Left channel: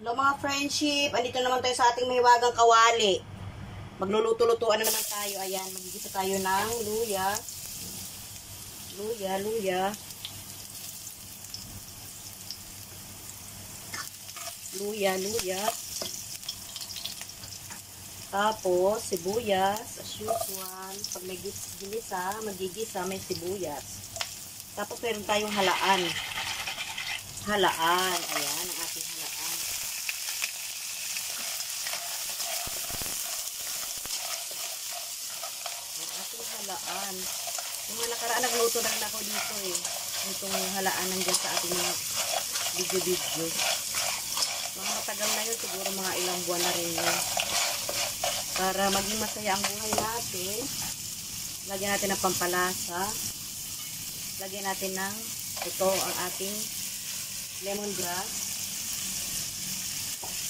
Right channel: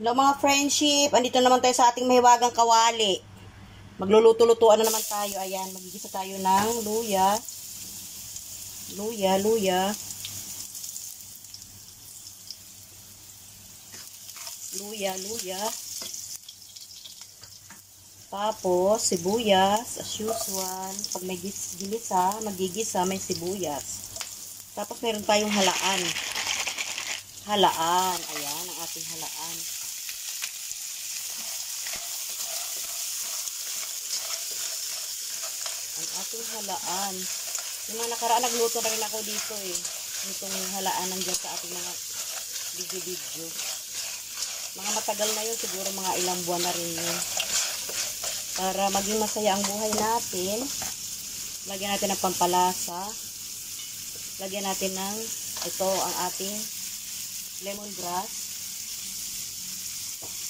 Hello mga friendship, andito naman tayo sa ating mahiwagang kawali. Magluluto-lutuan na naman tayo. Ayan, magigisa tayo ng luya. Luya. Tapos, sibuyas, as usual. Pag may gisa, magigisa, may sibuyas. Tapos, meron tayong halaan. Ayan, ang ating halaan. Yung mga nakaraan, nagluto na rin ako dito eh. Itong halaan nandyan sa ating mga video. Mga matagal na yun, siguro mga ilang buwan na rin yun. Para maging masaya ang buhay natin, lagyan natin ng pampalasa. Lagyan natin ng, ito ang ating lemongrass.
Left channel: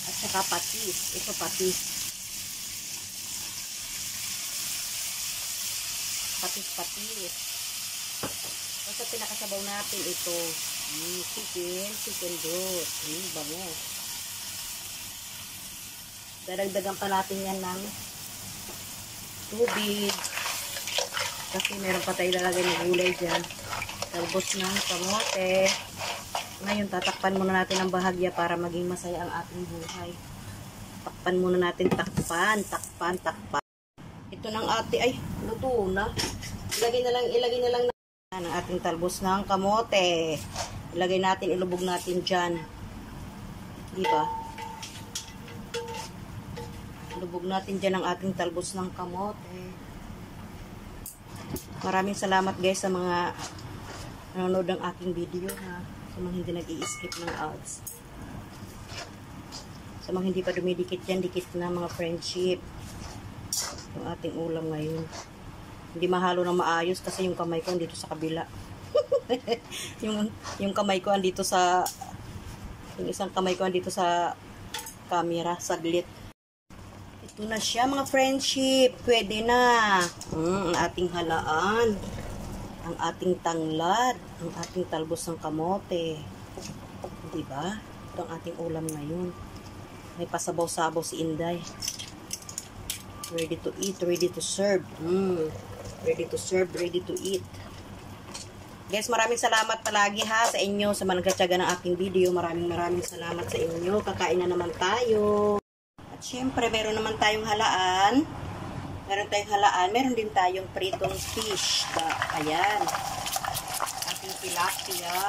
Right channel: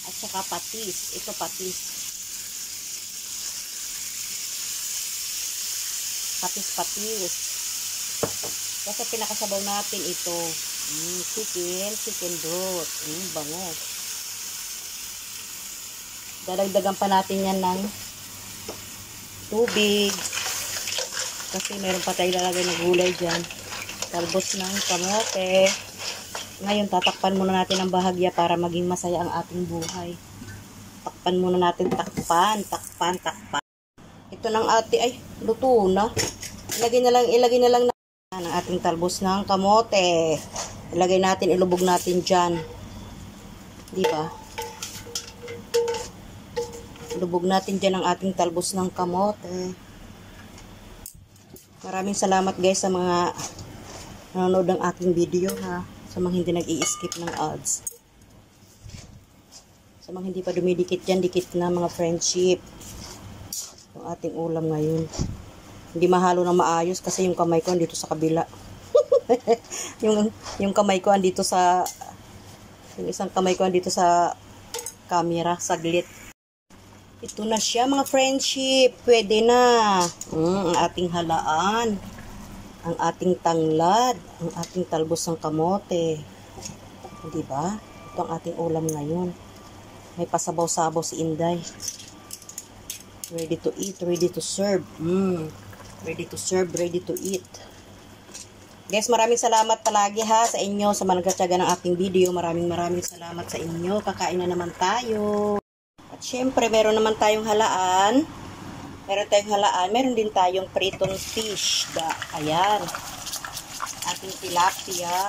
At saka patis. Ito patis. Patis. Kasi pinakasabaw natin ito. Chicken broth. Bango. Dadagdagan pa natin yan ng tubig. Kasi meron pa tayo lalagay ng gulay dyan. Talbos ng kamote. Ngayon, tatakpan muna natin ang bahagya para maging masaya ang ating buhay. Takpan muna natin. Takpan. Ito ng ate, luto na. Ilagay na lang ang ating talbos ng kamote. Ilubog natin dyan. Diba? Ilubog natin dyan ang ating talbos ng kamote. Maraming salamat guys sa mga nanonood ng aking video ha. Sa mga hindi nag-i-skip ng ads. Sa mga hindi pa dumidikit dyan, dikit na mga friendship. Yung ating ulam ngayon. Hindi mahalo na maayos kasi yung kamay ko andito sa kabila. yung kamay ko andito sa yung isang kamay ko andito sa camera, saglit. Ito na siya mga friendship. Pwede na. Ang ating halaan. Ang ating tanglad. Ang ating talbos ng kamote. Diba? Ito ang ating ulam ngayon. May pasabaw-sabaw si Inday. Ready to eat, ready to serve. Ready to serve, ready to eat. Guys, maraming salamat palagi ha sa inyo sa managkatyaga ng aking video. Maraming salamat sa inyo. Kakain na naman tayo. At syempre, meron naman tayong halaan. Meron din tayong pritong fish. Ayan. Ating tilapia.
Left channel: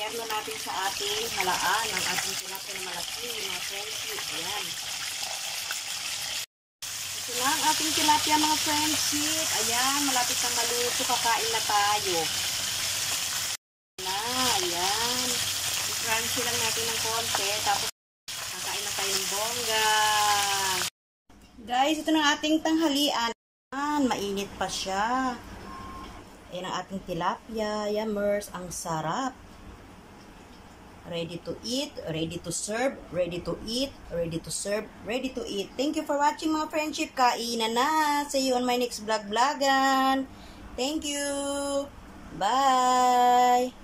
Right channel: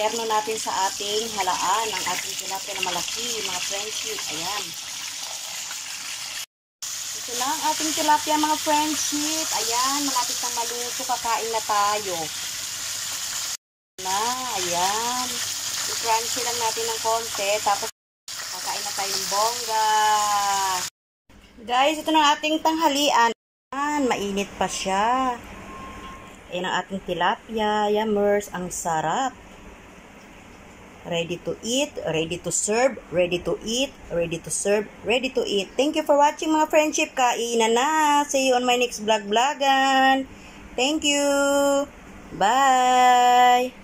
Terno natin sa ating halaan. Ang ating tilapia na malaki. Mga friendship. Ayan. Ito na ang ating tilapia mga friendship. Ayan. Malapit na maluto. Kakain na tayo. Ayan. I-crunchy lang natin ng konti. Tapos kakain na tayong bongga. Guys, ito na ating tanghalian. Mainit pa siya. Ayan ang ating tilapia. Yummers. Ang sarap. Ready to eat, ready to serve, ready to eat, ready to serve, ready to eat. Thank you for watching mga friendship. Kainan na. See you on my next vlogan. Thank you. Bye.